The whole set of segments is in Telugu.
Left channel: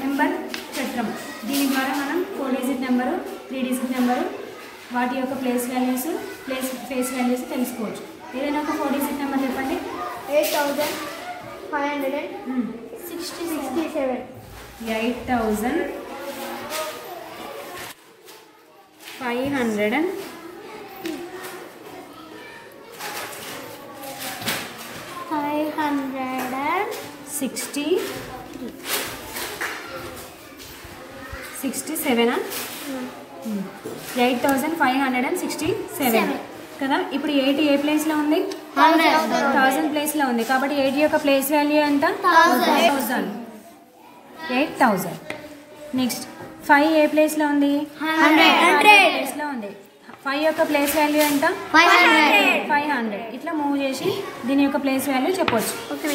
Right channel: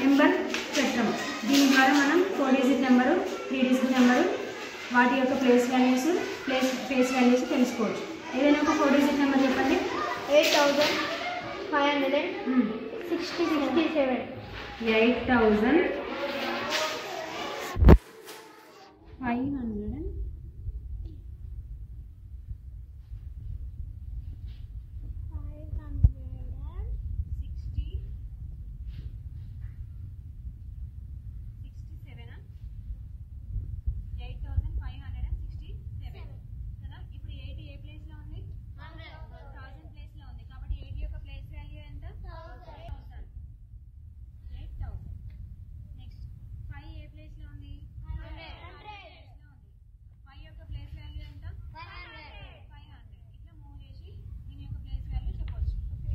నెంబర్ చెప్తాం. దీని ద్వారా మనం 4 డిజిట్ నెంబరు 3 డిజిట్ నెంబరు వాటి యొక్క ఫేస్ వాల్యూస్ తెలుసుకోవచ్చు. ఏదైనా ఒక 4 డిజిట్ నెంబర్ చెప్పండి. 8567 8567 కదా. ఇప్పుడు 80 ఏ ప్లేస్లో ఉంది? 1000 ప్లేస్లో ఉంది. కాబట్టి 80 యొక్క ప్లేస్ వాల్యూ ఎంత? 8000. నెక్స్ట్ 5 ఏ ప్లేస్లో ఉంది? 100 ప్లేస్లో ఉంది. 5 యొక్క ప్లేస్ వాల్యూ ఎంత? 500. ఇట్లా మూవ్ చేసి దీని యొక్క ప్లేస్ వాల్యూ చెప్పవచ్చు.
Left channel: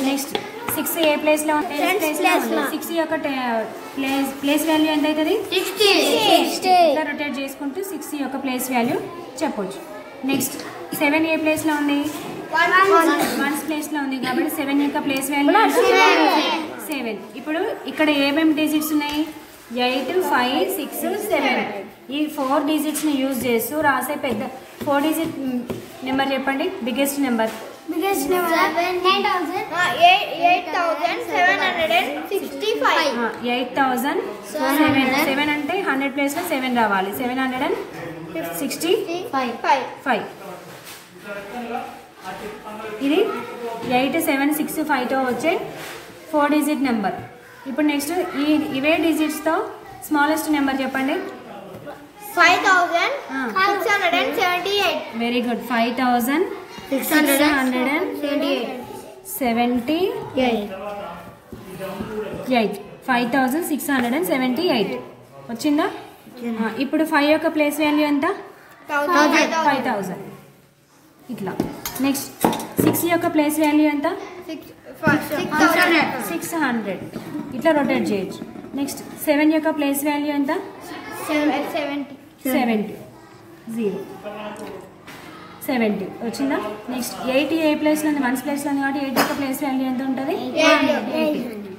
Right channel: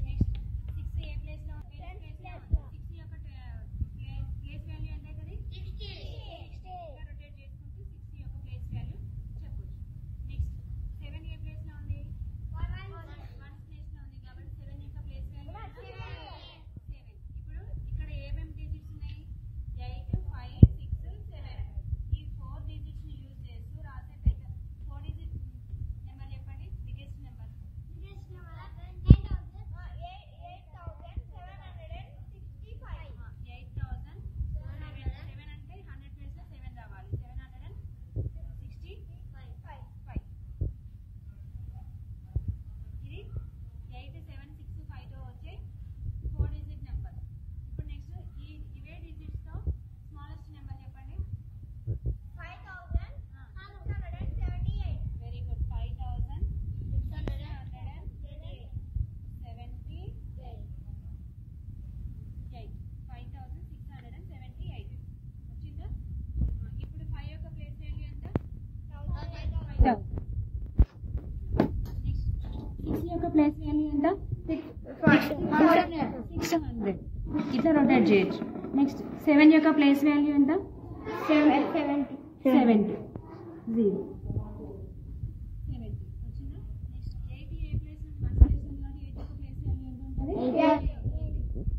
నెక్స్ట్ 6 ఏ ప్లేస్లో ఉంది? 6 యొక్క ప్లేస్ వాల్యూ ఎంత అవుతుంది? 60. ఇట్లా రొటేట్ చేసుకుంటూ 6 యొక్క ప్లేస్ వాల్యూ చెప్పవచ్చు. నెక్స్ట్ 7 ఏ ప్లేస్లో ఉంది? 1 ప్లేస్లో ఉంది. కాబట్టి 7 యొక్క ప్లేస్ వాల్యూ 7. ఇప్పుడు ఇక్కడ ఏమేమి డిజిట్స్ ఉన్నాయి? 8, 5, 6, 7. ఈ 4 డిజిట్స్ని యూజ్ చేస్తూ రాసే పెద్ద 4 డిజిట్ నెంబర్ చెప్పండి. Biggest number 8765. 7 అంటే 100 ప్లేస్లో 7 రావాలి. 765. ఇది 8765తో వచ్చే 4 డిజిట్ నెంబర్. ఇప్పుడు నెక్స్ట్ ఇవే డిజిట్స్తో స్మాలెస్ట్ నెంబర్ చెప్పండి. 5678. Very good. 5678 వచ్చిందా? ఇప్పుడు 5 యొక్క ప్లేస్ వాల్యూ ఎంత? 5000. ఇట్లా. నెక్స్ట్ 6 యొక్క ప్లేస్ వాల్యూ ఎంత? 600. ఇట్లా రొటేట్ చేయొచ్చు. నెక్స్ట్ 7 యొక్క ప్లేస్ వాల్యూ ఎంత? 70. 70 వచ్చిందా? నెక్స్ట్ 80 ఏ ప్లేస్లో ఉంది? 1 ప్లేస్లో ఉంది. కాబట్టి 8 యొక్క ప్లేస్ వాల్యూ ఎంత ఉంటుంది? 80.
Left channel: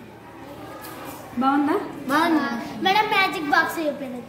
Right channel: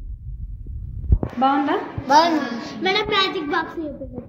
బాగుందా? మేడం మ్యాజిక్ బాక్స్ చూపించండి.